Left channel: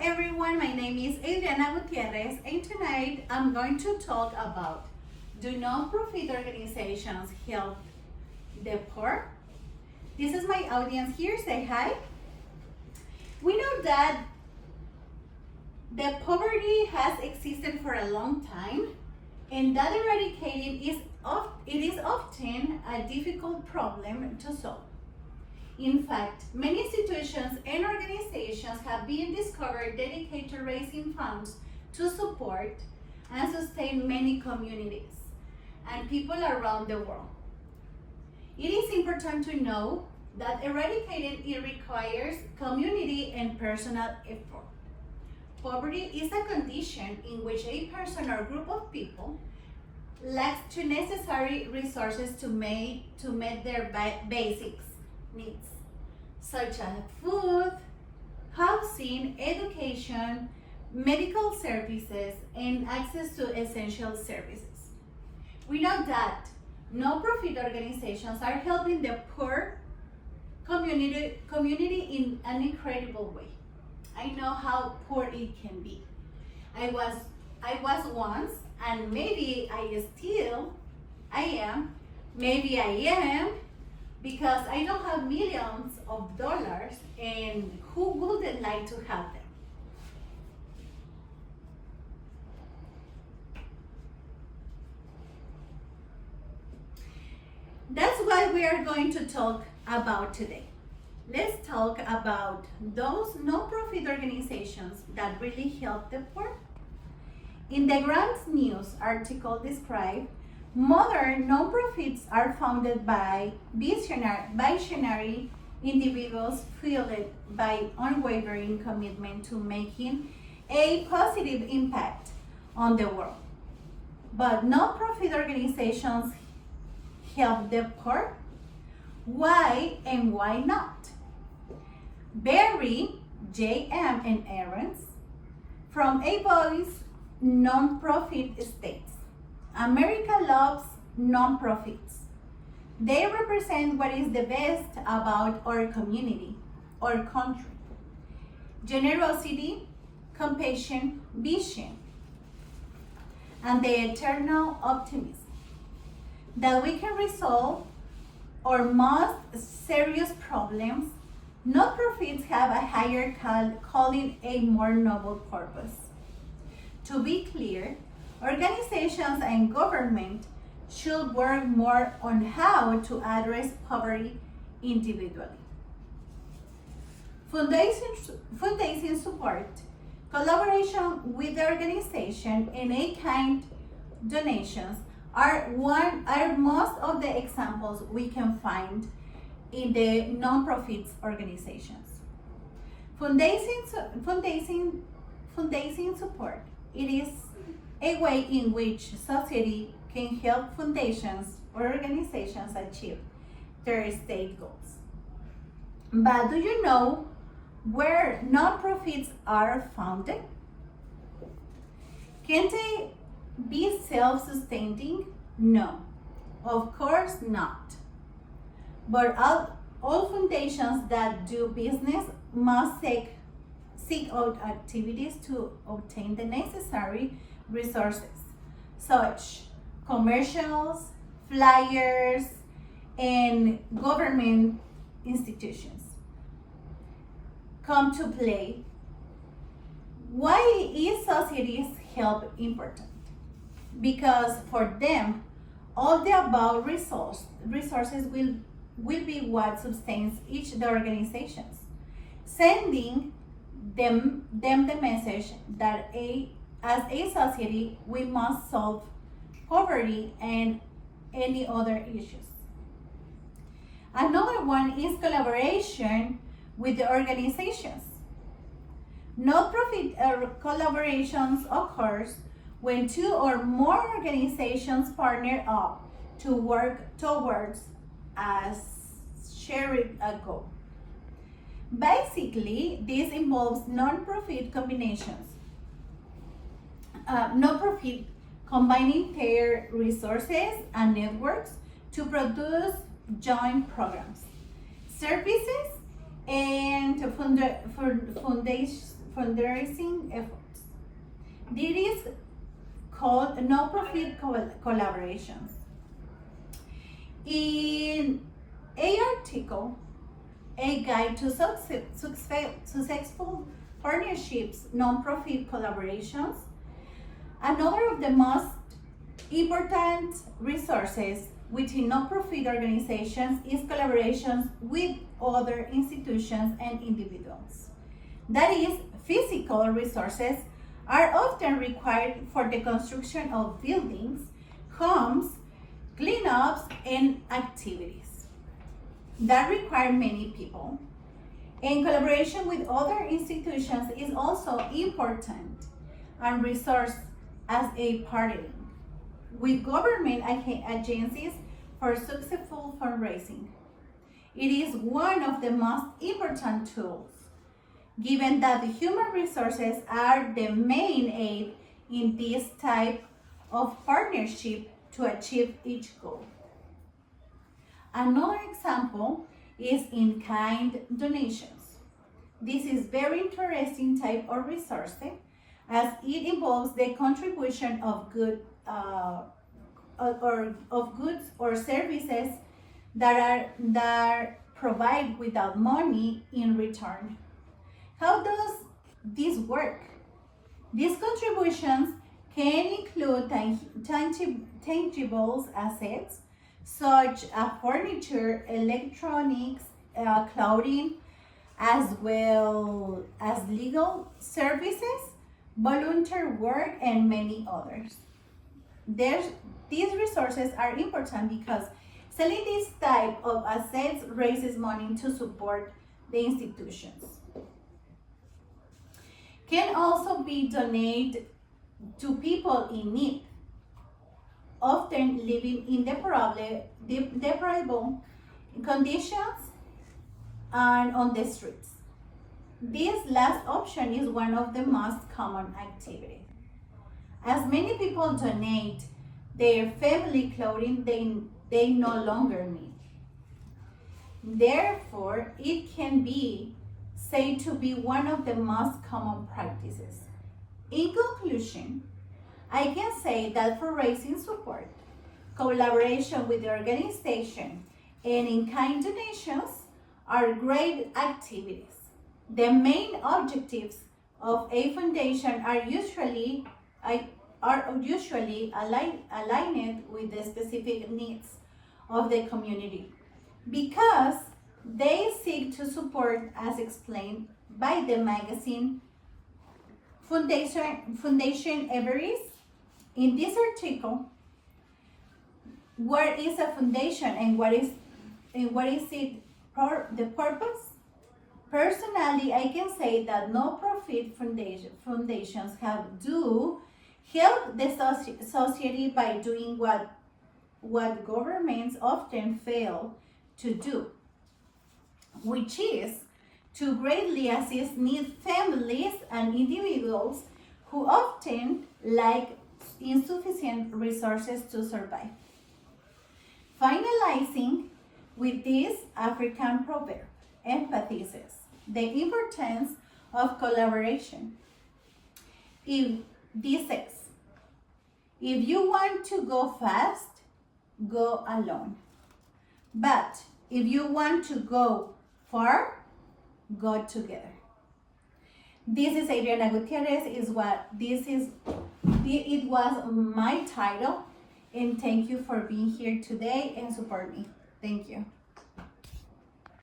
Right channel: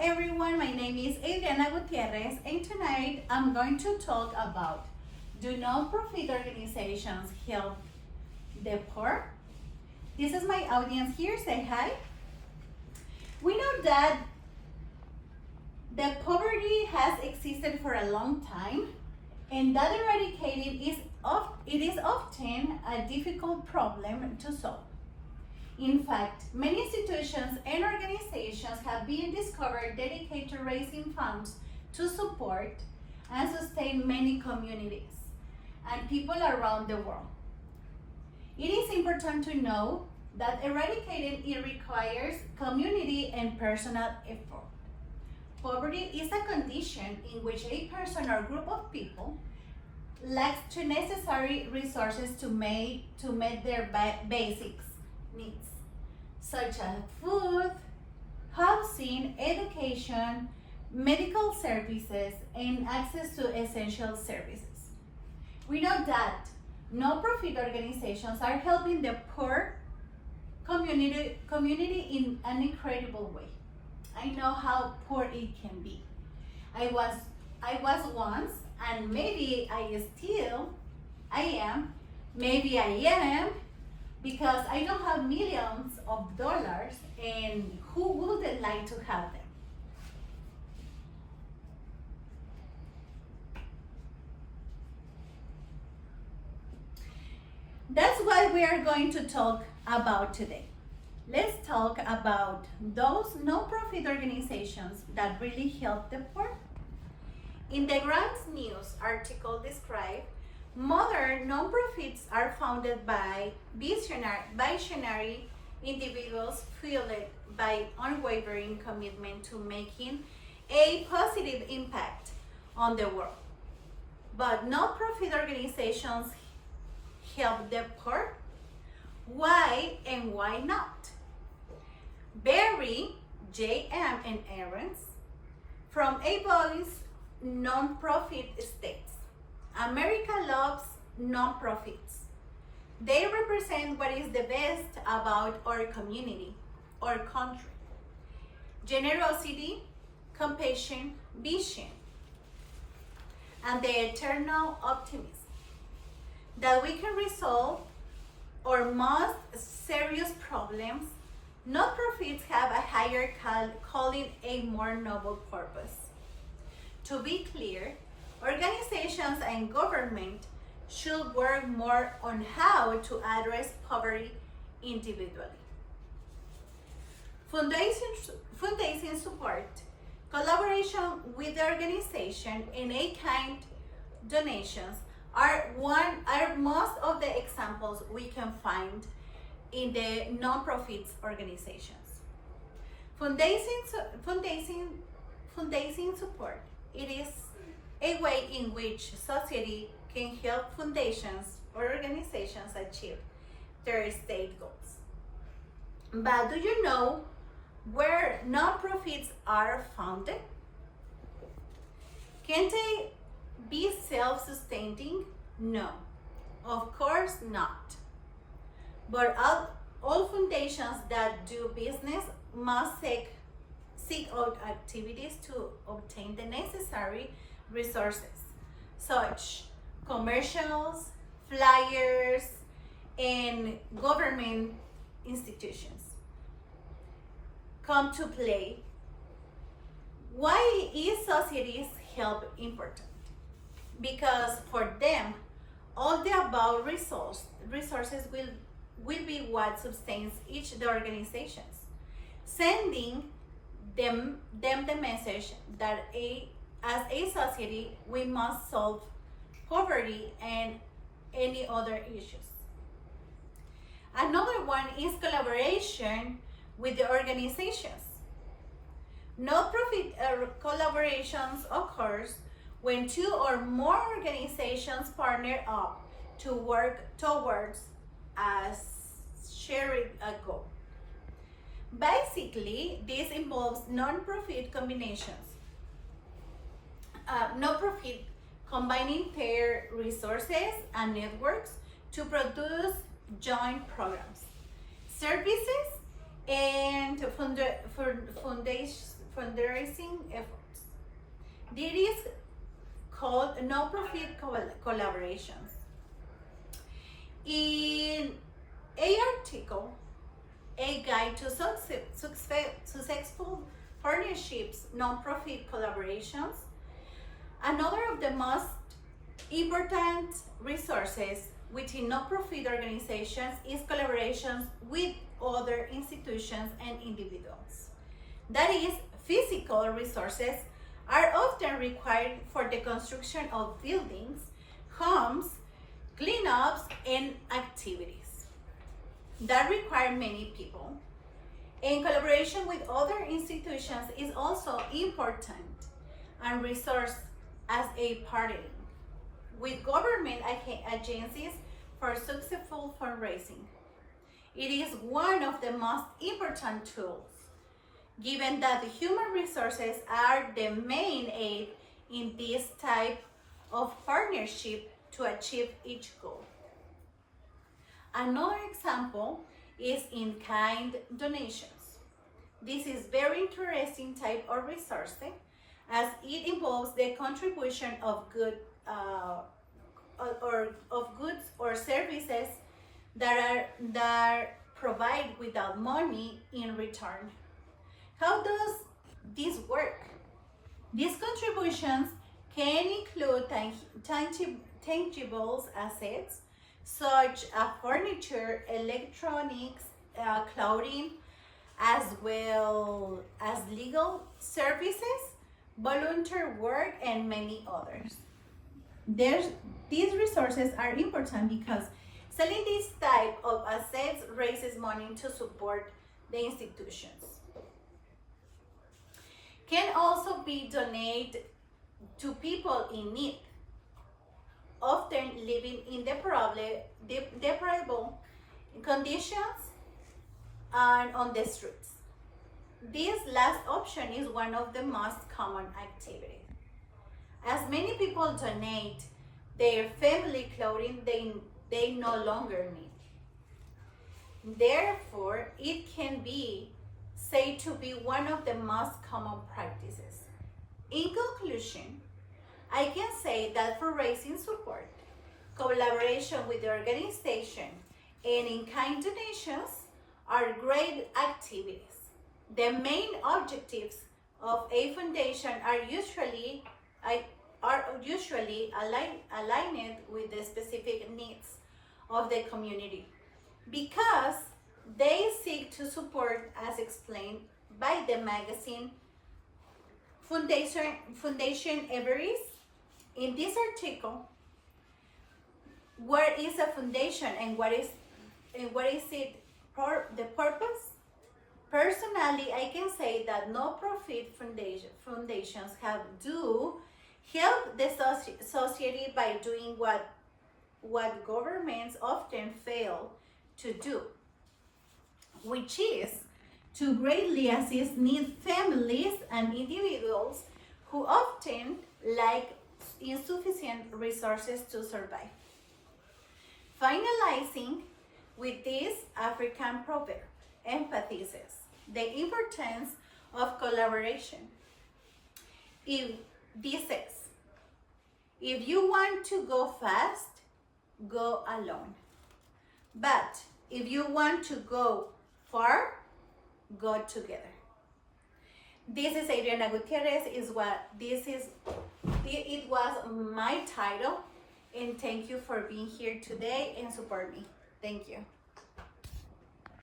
everyone, my name is Adriana Gutierrez, and tonight I'm going to talk about, do non-profit organizations help the poor? This is my audience here, say hi. We know that the poverty has existed for a long time, and that eradicating is often a difficult problem to solve. In fact, many institutions and organizations have been discovered dedicated to raising funds to support and sustain many communities and people around the world. It is important to know that eradicating it requires community and personal effort. Poverty is a condition in which a person or group of people lacks the necessary resources to meet their basic needs, such as food, housing, education, medical services, and access to essential services. We know that non-profit organizations are helping the poor community in an incredible way. I know how poor it can be. I was once, and maybe I am, because I don't have millions of dollars, and who wouldn't like to help them? That's what we are going to talk about today. Let's talk about those non-profit organizations that really help the poor. In the Grants News article described, modern non-profits are founded by visionary individuals fueled by unwavering commitment to making a positive impact on the world. But non-profit organizations help the poor? Why and why not? Barry, J.M. and Aarons from A Voice Non-Profit States. America loves non-profits. They represent what is the best about our community, our country. Generosity, compassion, vision, and the eternal optimism that we can resolve our most serious problems. Non-profits have a higher calling, a more noble purpose. To be clear, organizations and government should work more on how to address poverty individually. Fundraising support, collaboration with the organization, and in-kind donations are most of the examples we can find in the non-profit organizations. Fundraising support, it is a way in which society can help foundations or organizations achieve their state goals. But do you know where non-profits are founded? Can they be self-sustaining? No, of course not. But all foundations that do business must seek out activities to obtain the necessary resources, such commercials, flyers, and government institutions come to play. Why is society's help important? Because for them, all the above resources will be what sustains each of the organizations, sending them the message that as a society we must solve poverty and any other issues. Another one is collaboration with the organizations. Non-profit collaborations occurs when two or more organizations partner up to work towards a shared goal. Basically, this involves non-profit combinations. Non-profit combining their resources and networks to produce joint programs, services, and fundraising efforts. This is called no-profit collaborations. In an article, A Guide to Successful Partnerships, Non-Profit Collaborations, another of the most important resources within non-profit organizations is collaborations with other institutions and individuals. That is, physical resources are often required for the construction of buildings, homes, cleanups, and activities that require many people. And collaboration with other institutions is also important and resource as a partnering with government agencies for successful fundraising. It is one of the most important tools, given that the human resources are the main aid in this type of partnership to achieve each goal. Another example is in-kind donations. This is very interesting type of resource as it involves the contribution of goods or services that provide without money in return. How does this work? These contributions can include tangible assets such as furniture, electronics, clothing, as well as legal services, volunteer work, and many others. These resources are important because selling this type of assets raises money to support the institutions. Can also be donated to people in need, often living in deplorable conditions and on the streets. This last option is one of the most common activities. As many people donate their family clothing they no longer need. Therefore, it can be said to be one of the most common practices. In conclusion, I can say that for raising support, collaboration with the organization, and in-kind donations are great activities. The main objectives of a foundation are usually aligned with the specific needs of the community because they seek to support, as explained by the magazine Foundation Everest. In this article, what is a foundation and what is it the purpose? Personally, I can say that no-profit foundations help the society by doing what governments often fail to do, which is to greatly assist needy families and individuals who often lack insufficient resources to survive. Finalizing with this African proverb emphasizes the importance of collaboration. This says, if you want to go fast, go alone. But if you want to go far, go together. This is Adriana Gutierrez. It was my title, and thank you for being here today and support me. Thank you.